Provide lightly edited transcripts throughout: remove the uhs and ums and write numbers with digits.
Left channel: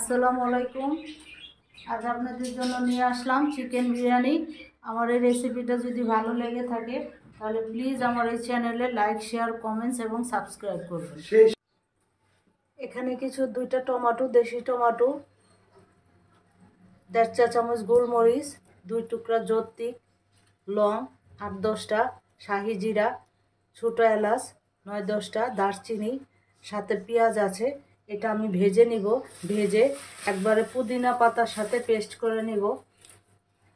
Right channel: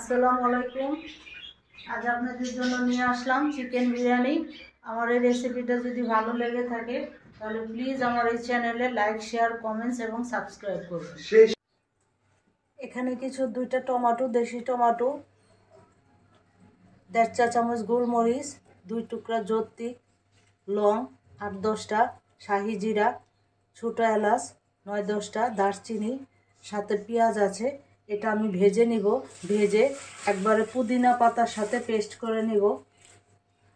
আসসালামু আলাইকুম। আজ আপনাদের জন্য নিয়ে আসলাম চিকেন বিরিয়ানি। আমার এই রেসিপিটা যদি ভালো লেগে থাকে তাহলে প্লিজ আমার এই চ্যানেলে লাইক, শেয়ার, কমেন্টস এবং সাবস্ক্রাইব করবেন। এখানে কিছু 2টা টমেটো, দেশি টমেটো, 1.5 চা চামচ গোলমরিচ, 2 টুকরা জৈত্রী, লং 8-10টা, শাহি জিরা, ছোট এলাচ 9-10টা, দারচিনি, সাথে পেঁয়াজ আছে। এটা আমি ভেজে নিব। ভেজে একবারে পুদিনা পাতার সাথে পেস্ট করে নিব।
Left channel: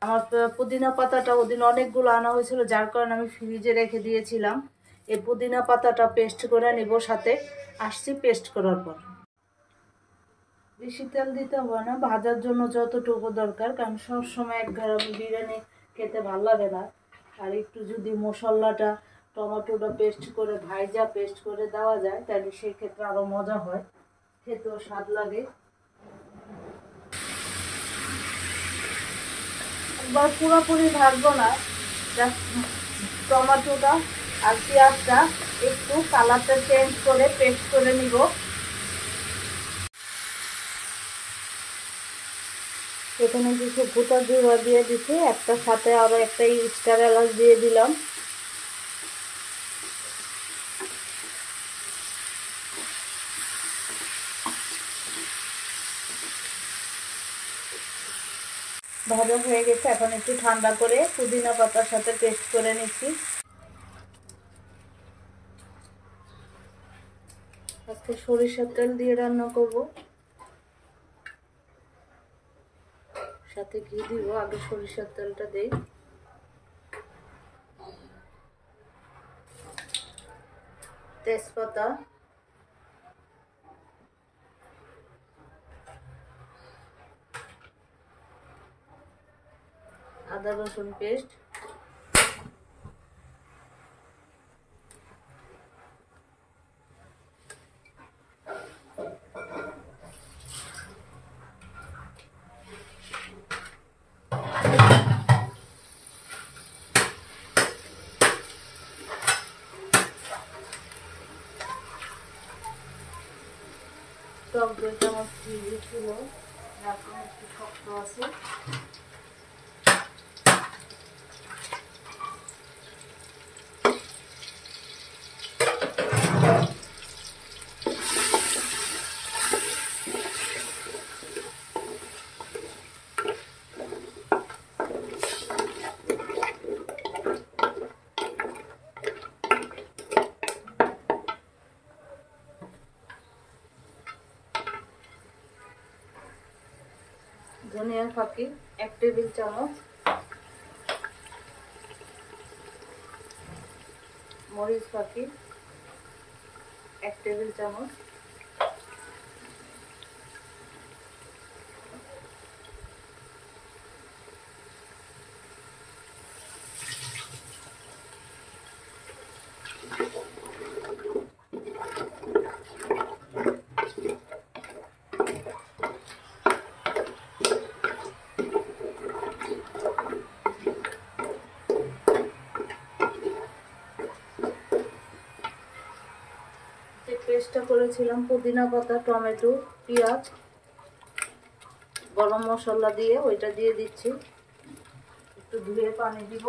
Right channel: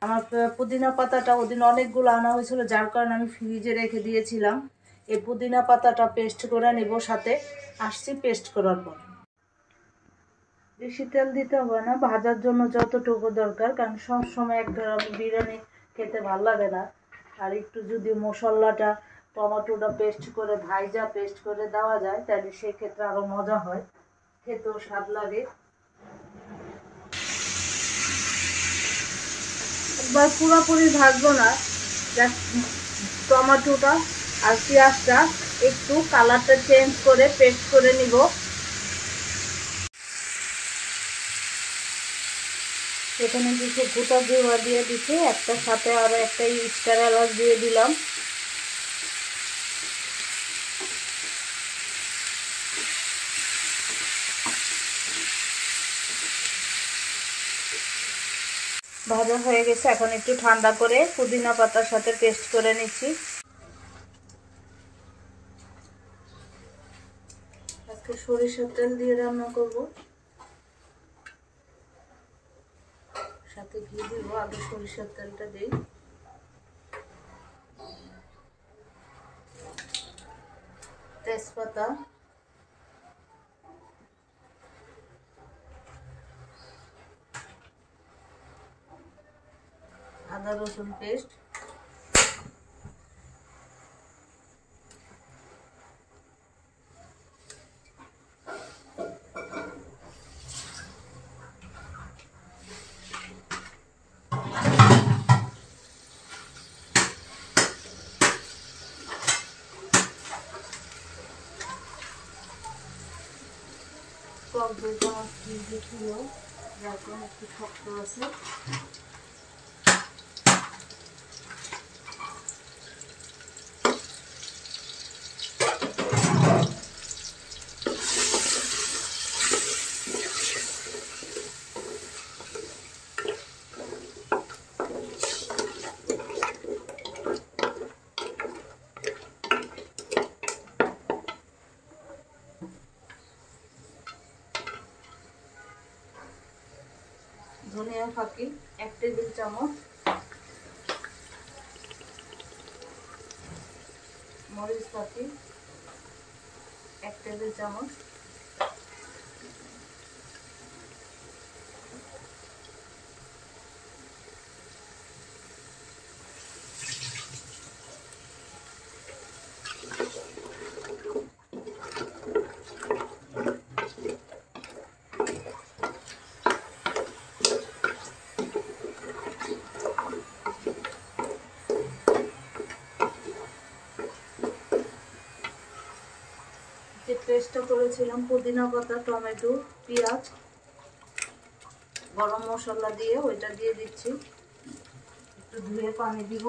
আমার পুদিনা পাতাটা ওদিন অনেকগুলো আনা হয়েছিল, যার কারণে আমি ফ্রিজে রেখে দিয়েছিলাম। এই পুদিনা পাতাটা পেস্ট করে নিব, সাথে আসছি পেস্ট করার পর। বেশি তেল দিতে হবে না, ভাজার জন্য যতটুকু দরকার, কারণ সবসময় এক গ্রাম বিরিয়ানি খেতে ভালো লাগে না। আর একটু যদি মশলাটা টমেটোটা পেস্ট করে পেস্ট করে দেওয়া যায় তাহলে সেক্ষেত্রে আরও মজা হয়, খেতেও স্বাদ লাগে। একবার পুরোপুরি ভাজবো না, টমেটোটা আর পেঁয়াজটা একটু কালারটা চেঞ্জ করে পেস্ট করে নিব। এখানে কিছু গোটা জিরা দিয়ে দিচ্ছি, একটা সাথে আরো একটা স্টার এলাচ দিয়ে দিলাম। ভাজা হয়ে গেছে, এখন একটু ঠান্ডা করে পুদিনা পাতার সাথে পেস্ট করে নিচ্ছি। আজকে সরিষার তেল দিয়ে রান্না করব, সাথে ঘি দিব। আগে সরিষার তেলটা দেই। তেজপাতা, আদা রসুন পেস্ট, টক দইটা ফ্রিজে ছিল, এখন একটু শক্ত আছে। ধনিয়া ফাঁকি 1 টেবিল চামচ, মরিচ ফাঁকি 1 টেবিল চামচ, পেস্টটা করেছিলাম পুদিনা পাতা, টমেটো, পেঁয়াজ, গরম মশলা দিয়ে ওইটা দিয়ে দিচ্ছি। একটু ধুয়ে পানি দিব।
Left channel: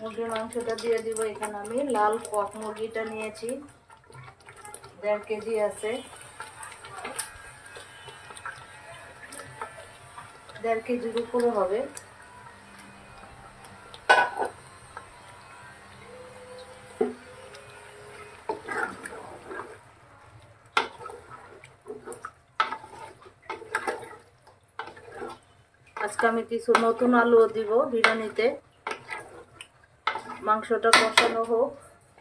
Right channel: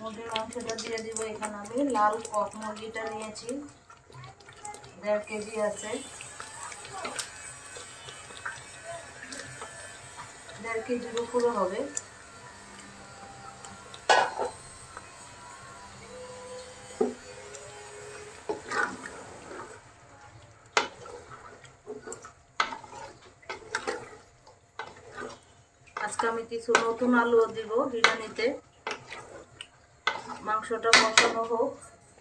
মুরগির মাংসটা দিয়ে দিব। এখানে আমি লাল কক মুরগিটা নিয়েছি, 1.5 কেজি আছে, 1.5 কেজির উপরে হবে। আজকে আমি কিছু নতুন আলু দিব বিরিয়ানিতে। মাংসটা কষানো হোক,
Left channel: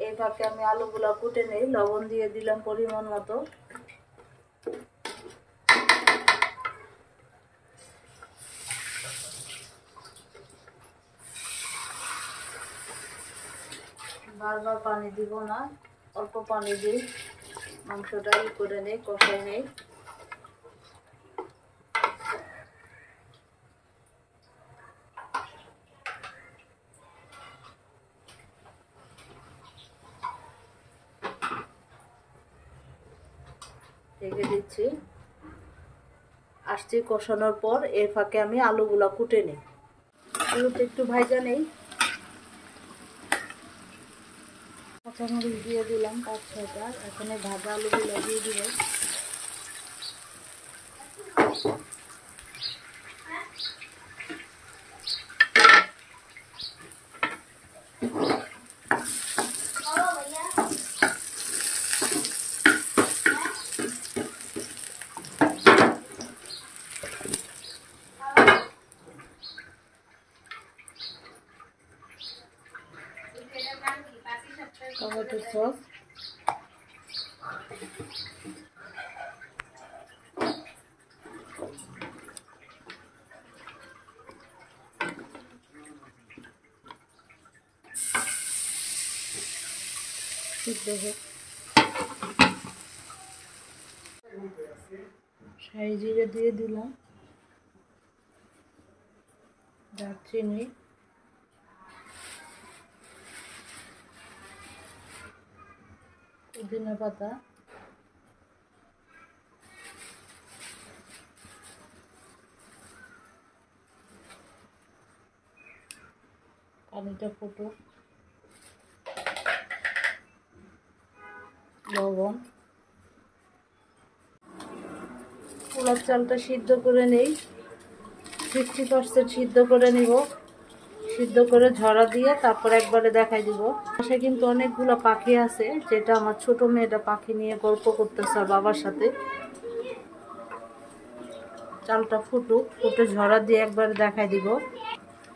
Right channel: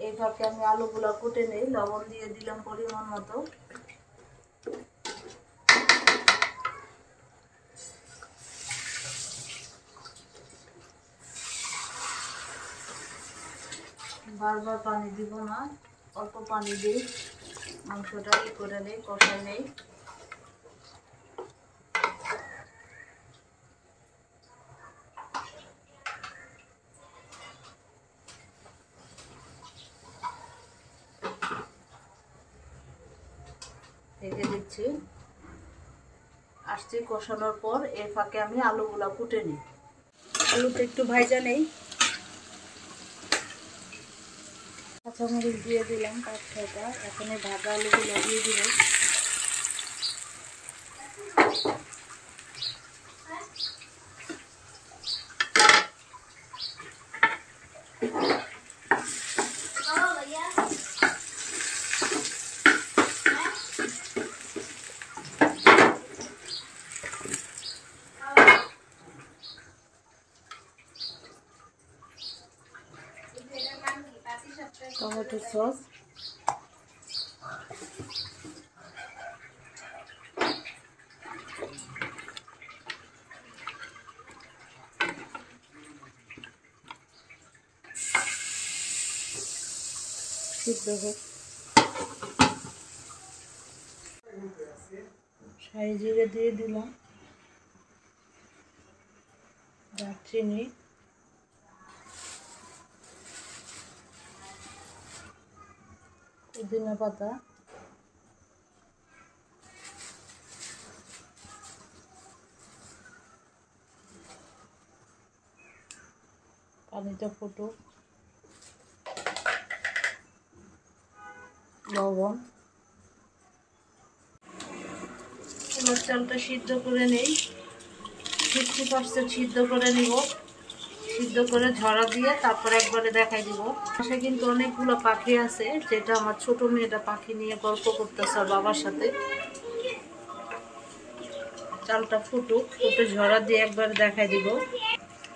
এই ফাঁকে আমি আলুগুলো কুটে নেই। লবণ দিয়ে দিলাম পরিমাণ মতো। বারবার পানি দিব না, অল্প পানি দিই, মাংসটা করে নেই, কষাই নেই। ঢেকে দিচ্ছি। আসছি কষানোর পর এর ফাঁকে আমি আলুগুলা কুটে নিই। আলুটা একটু ভাজা নেই, কাঁচামরিচ দিয়ে দিলাম 5-6টা। এখন এই ভাজা আলুগুলো দিয়ে দিব। টমেটো সস, সিদ্ধ হোক। শাহি জিরে দিয়ে দিলাম, দারচিনি, পুদিনা পাতা, পানিটা ফুটুক, লবণ। পোলার চালটা সিদ্ধ করে নেই, 50% সিদ্ধ করে নিব। সিদ্ধ করে ঝরা দিয়ে তারপর একবারে দেখাই দিব। পাশে কিন্তু অনেকগুলো পাখি আছে, যেটা আমার ছোট মেয়েটা পাখি নিয়ে গল্প করতেছে বাবার সাথে। চালটা ফুটুক, ফুটে ঝরা দিয়ে একবারে দেখাই দিব।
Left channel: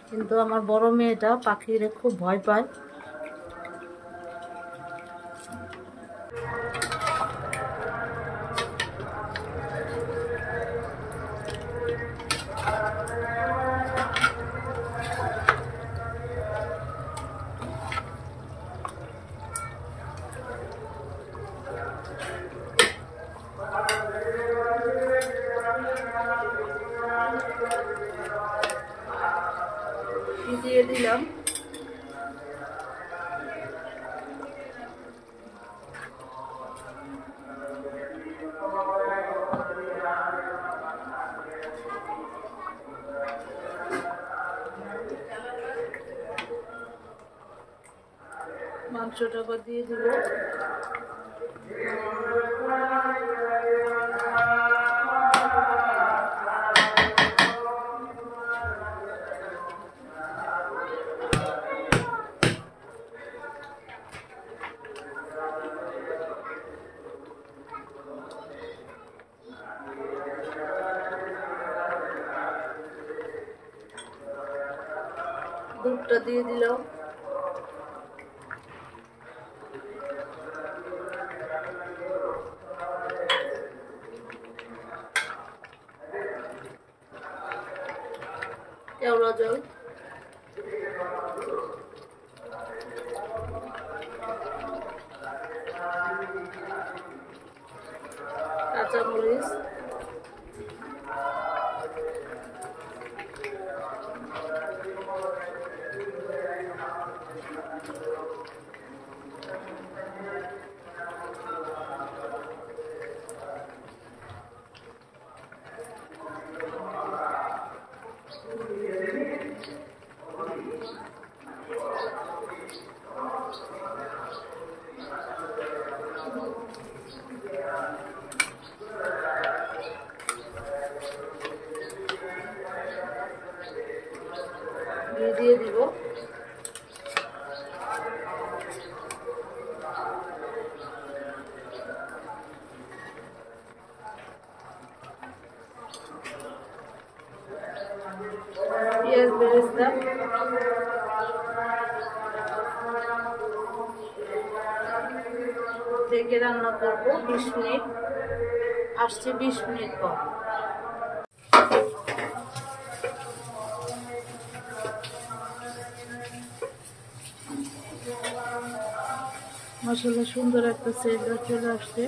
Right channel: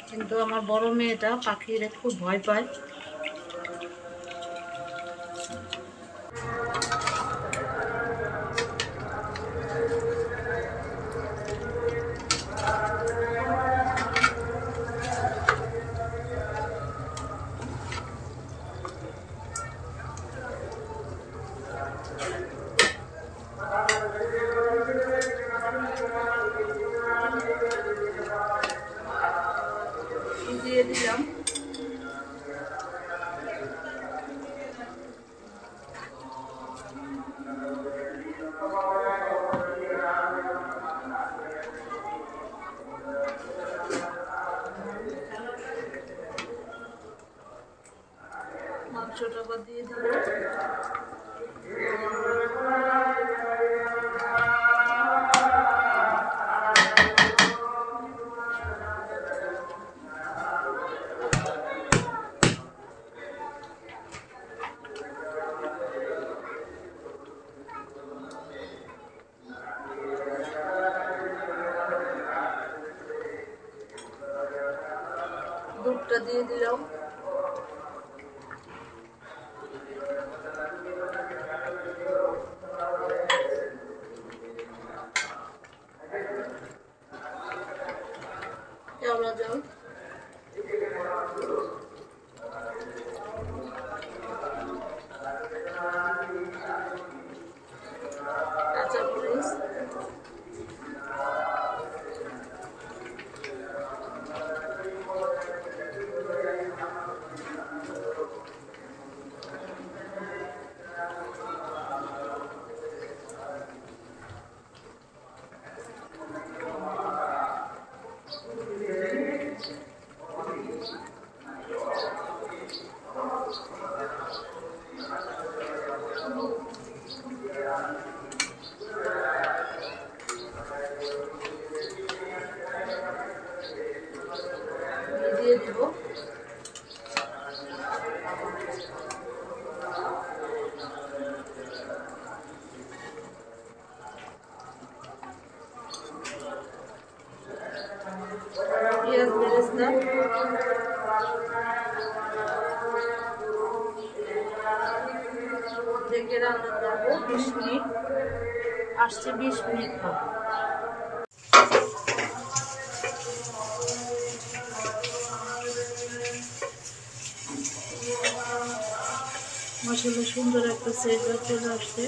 কিন্তু আমার বড় মেয়েটা পাখিরে খুব ভয় পায়। দিয়ে দিলাম। মাংসটা দিয়ে দিব। দুধটা দিয়ে দিলাম। কেওড়া জল, কাঁচামরিচ, দিয়ে দিব। পেঁয়াজ বেরেস্তা, ঢেকে রান্না করবো 20 মিনিট। আসছে 20 মিনিট পর। মশলা সুন্দর একটা সেট চলে আসছে।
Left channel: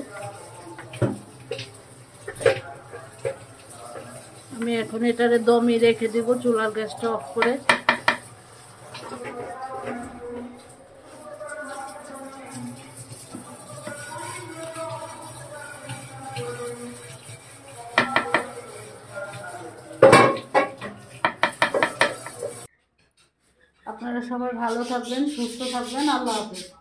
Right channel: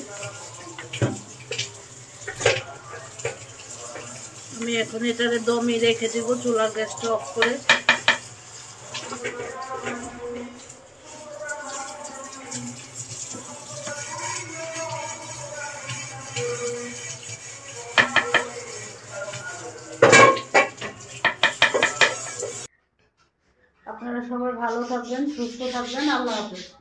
আমি এখন এটারে দমে রেখে দিব চুলার গ্যাসটা অফ করে। আপনারা সবাই ভালো থাকবেন, সুস্থ থাকবেন। আল্লাহ হাফেজ।